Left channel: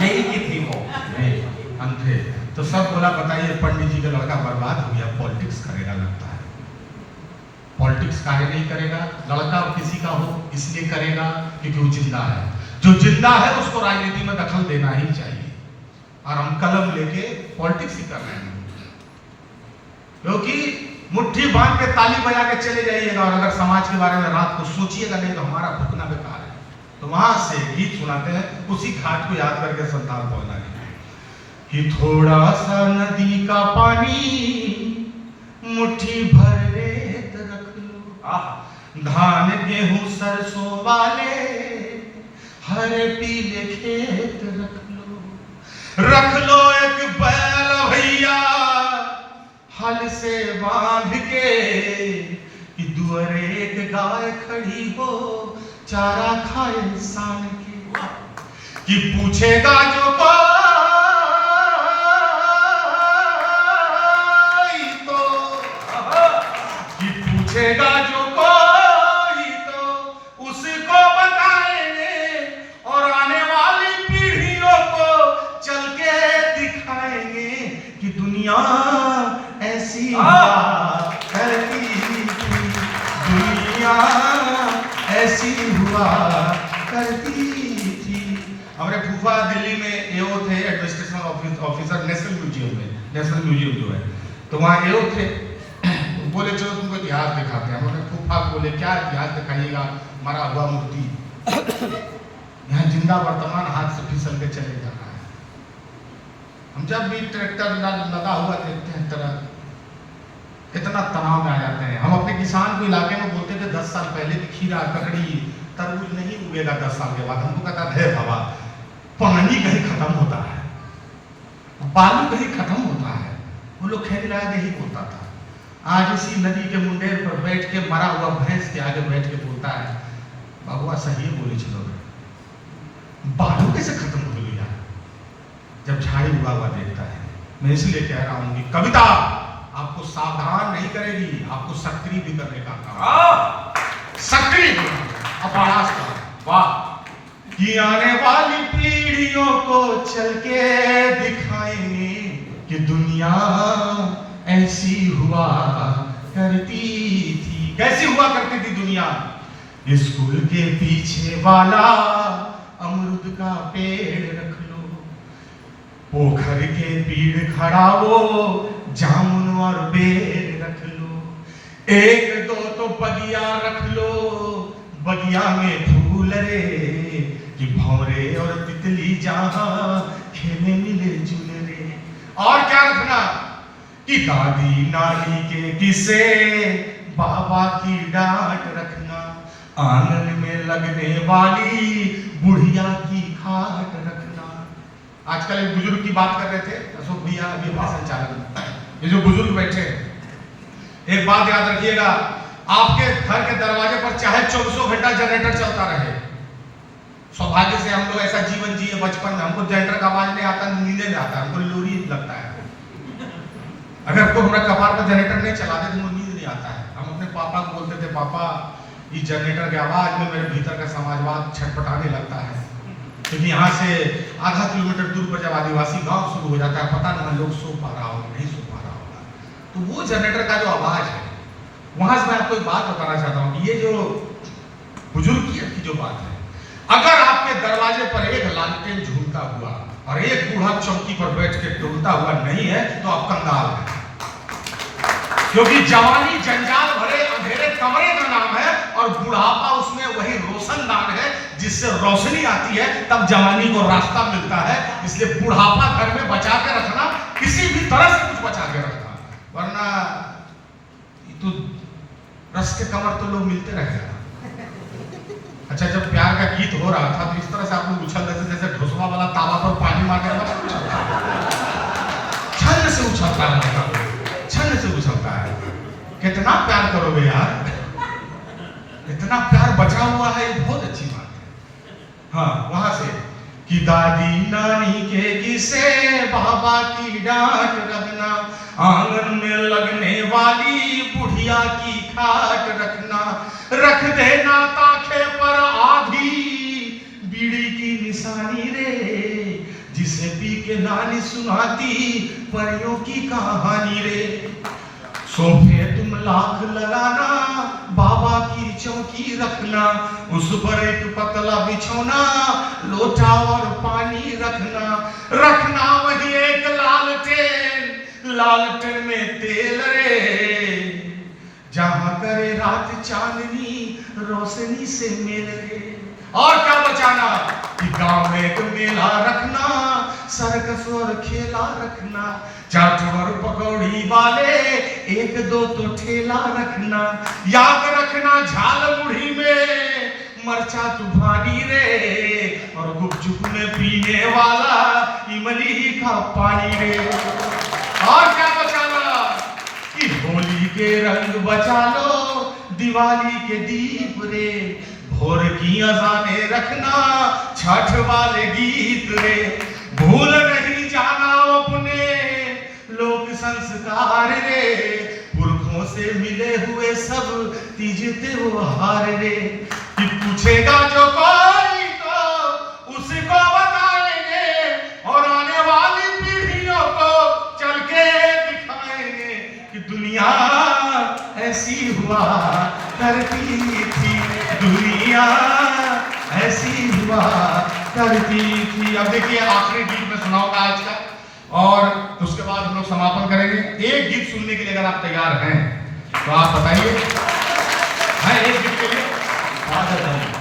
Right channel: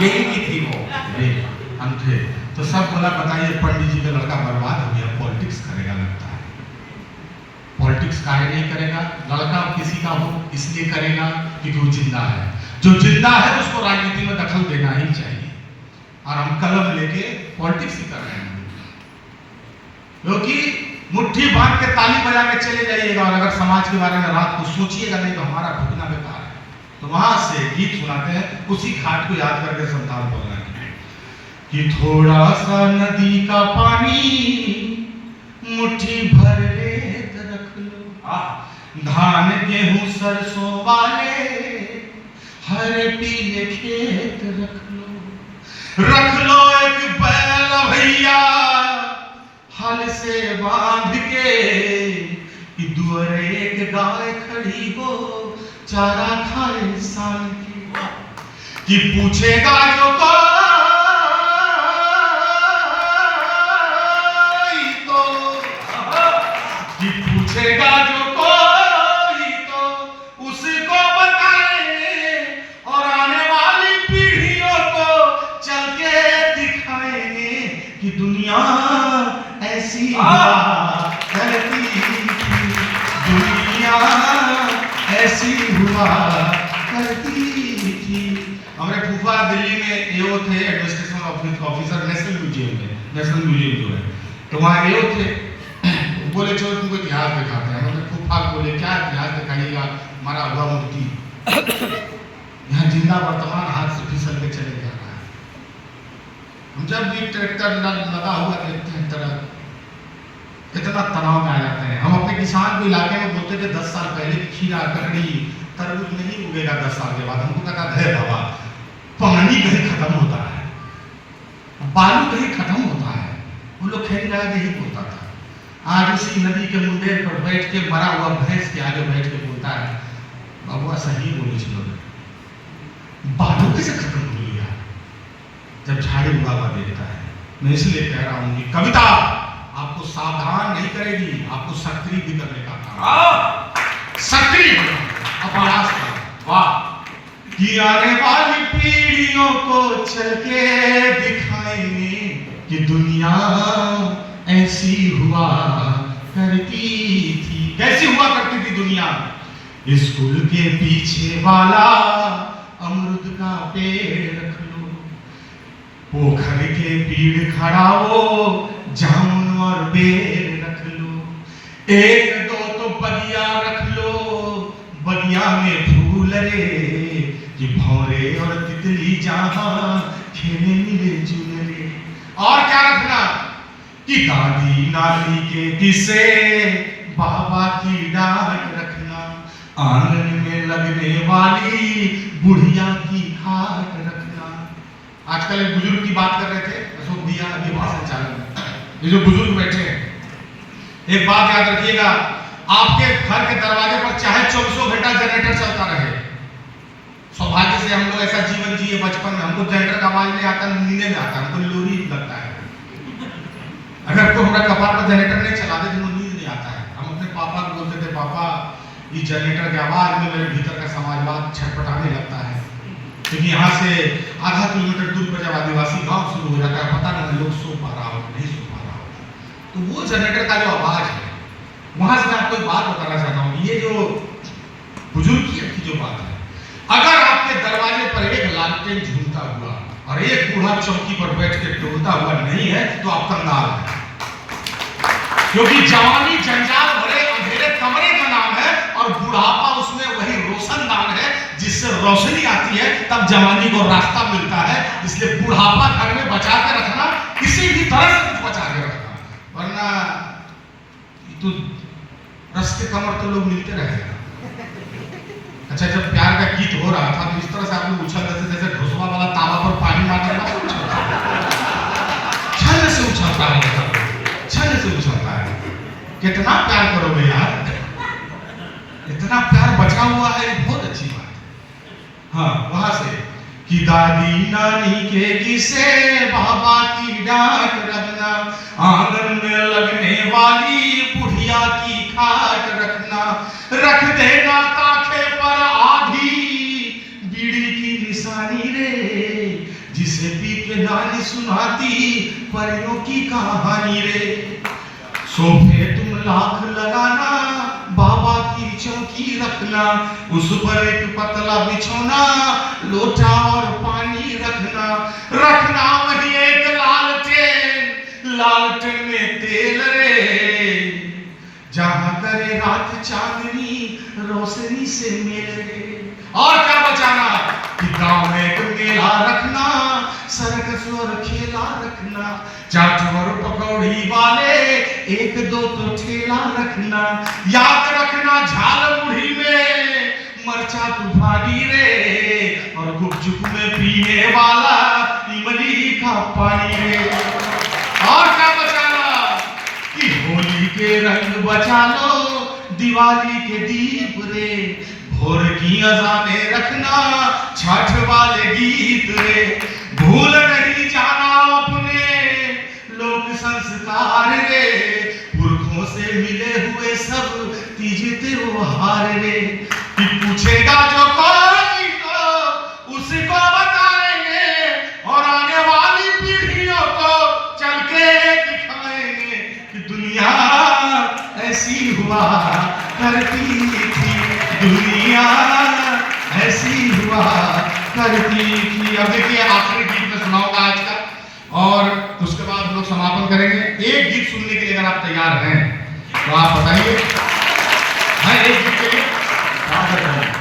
यही की थी वो अंधे। तो सब बोला बताइए पंडित जी का लड़का बर्बाद हो गया, पॉलिटिक्स करेगा लगता है। पॉलिटिक्स काहे नहीं करेगा? लड़का किसी का हो इसलिए करेगा क्योंकि वो जिंदा है। जो जिंदा है उसको राजनीति में दखल देना ही चाहिए, और हम कलम लेके पॉलिटिक्स ही कर रहे हैं। क्योंकि मुट्ठी बांध के ताली बजा के चले जाइएगा और अगर समाज के बारे में रात को सोचिएगा नहीं तो हमारा भुगतना बेकार है। तो वहां से गीत सुनाते हैं, उसी घाट को याद करके संतान बोलना कि थोड़ा सा नदी का पानी मुट्ठी भर रेत रख लो, धान गेहूं सरसों वाले हरे पीले खेत रख लो एक बैल भैया हल से बांध के, कि दुअरे एक गाय खड़ी हो चारा खाए सान के, कि पूछेगा जो पूछेगा जो कोई तो उसको बताएंगे, और आने वाली पीढ़ियों को चल के दिखाएंगे कि दुनिया ऐसी हुआ करती थी, दुनिया ऐसी हुआ करती थी। हमारे फूफा दिल्ली में एओ थे, एडमिनिस्ट्रेशन ऑफिसर नेशनल म्यूजियम में, नेशनल म्यूजियम जो है, तो वहाँ एओ थे। बोले चलो तुमको इतिहास दिखाते हैं। हमने फूफा बोले क्या इतिहास दिखाइएगा, मरा हुआ मूर्ति यहाँ जिंदा वर्तमान हाथ से फिसल के चले जा रहा है। हम जब भी ट्रैक्टर लगा हुआ देखते हैं तरह कितना तनाव में आ जाते हैं। हम अपने किसान को इलाके में बोलते थे 10 साल पहले की खीरा ककड़ी तरबूज नहीं उगेगा 10 साल के बाद। हमको कहता है बाबा पानी कहीं खत्म होता है, बालू कहीं खत्म होता है। वो लोग खेल रहा यही बोलता था। आज उसी नदी के मुंडेर पर बैठ के मरा हुआ भैंस के आगे बैठ के बोलता है बाबुआ सही बोली चलो, बालू कैसे खत्म हो गया जब झाड़ी उड़ा हुआ देखता है। मैं इसलिए कह रहा हूं कि कविता आपको सावधान नहीं करेगी, आपको सक्रिय भी करने का काम, सक्रिय अभ्यास का। वाह कि आने वाली पीढ़ियों को चल के दिखाएंगे कि दुनिया ऐसी हुआ करती थी। कैसी हुआ करती थी दुनिया? स्कूल के पीछे वाला अमरूद का पेड़ रख लो, पोखर के पीड़ खड़ा वो जामुन और बेर रख लो, एक दो तो बगिया रख लो, बगिया में फूल रे, कि भौरे और तितली जहां खेले मिले जुले रे। और क्या रखना कि दादी नानी के किस्से बाबा की डांट रखना, आंगन में लगने वाली बुढ़िया की खाट रखना। आजकल एक बुजुर्ग की बात कर रहे थे अशोक भैया अभी भाषण चालू में, ये जो बुजुर्ग बैठे हैं, एक बात याद रखिएगा, आपके घर के दरवाजे पर चाहे 24 घंटा जनरेटर चलता रहे। सौभाग्य से हम लोग ऐसा जीवन जिए बचपन में, हमको जनरेटर का आवाज नहीं आता, नींदे में आता, हमको लोरी लगता है। अगर कोई हमारा कपार पर जनरेटर नहीं चला दे तो मुझे नींद नहीं आता है। हम अपने पापा को बोलते थे पापा ये जनरेटर की आवाज में मेरे भीतर का समाजवाद छटपटाने लगता है, क्योंकि यहाँ से आधा किलोमीटर दूर पर जब आदिवासी गांव शुरू हो जाता है पता नहीं लोग सो पा रहा हो नहीं सो पा रहा होगा, तो वो जनरेटर का जो आवाज है वहां से मैं आपको एक बात बताना चाहता हूँ। ये जो बुजुर्गियत की जो बात है, अगर आपके दरवाजे पर एक लालटेन झूलता हुआ और एक बूढ़ा चौकी पर बैठ के टोलता हुआ नहीं है तो आप कंगाल हैं, क्योंकि जवानी जंजाल भरे अंधेरे कमरे का नाम है और बुढ़ापा उसमें वही रोशनदान है जिससे रोशनी आती है, तब जवानी को रास्ता मिलता है। इसलिए बुढ़ापा घर में बचा के रखना, किसी भी तरह से कुछ बचा के रखना, वरना तो रस के कमर तो लोग मिलते रहेगा। अच्छा जब प्यार का गीत हो रहा था तो इस तरह से आप लोग उछल जैसे जैसे ढोसवा वाला तावा पर पानी मारने वाला छल से उछलता है, छल से उछलता है। कितना प्यार करोगे यार, इतना प्यार बचा हुआ है, ये बहुत अच्छी बात है। हाँ वहां से कि दादी नानी के किस्से बाबा की डांट रखना, आंगन में लगने वाली बुढ़िया की खाट रखना, रख देना ताखे पर आधी बीड़ी की निशानी रे, जिसे पी के नानी सुनाती परियों की कहानी रे। सोफे तुम लाख लगाना, बाबा की चौकी रखना, उस पर एक पतला बिछौना, लोटा और पानी रखना, रखना वही एक लालटेन, लालटेन में तेल रे, जहां करे रात चांदनी रोशनी से मेल रे। और क्या बचाना कि गांव में एक मेला रखना, सर्कस और खेला रखना, चाट और पकौड़ी वाले एक दो तो ठेला रखना, याद रखना झाल मुढ़ी में मरचा तूफानी रे, और गुपचुप में पीने वाला इमली का पानी रे। और क्या बचाना कि होली के रंग बचा लो, दिवाली के दीप रे, भोर की अजाने रखना, छठ वाले गीत रे, भूल नहीं जाना अपने लोक संस्कार रे, पुरखों से मिले हुए सब तीज त्योहार रे। कि पूछेगा जो कोई तो उसको बताएंगे, और आने वाली पीढ़ियों को चल के दिखाएंगे कि दुनिया ऐसी हुआ करती थी, दुनिया ऐसी हुआ करती थी। अब देखिए आखिरी गीत में सुनाऊंगा आज का, और उसके बाद हम लोग समापन करेंगे। एक गीत सुनने के लिए अगर आप तैयार हैं तो आप बताइए। हाँ, एक गीत के लिए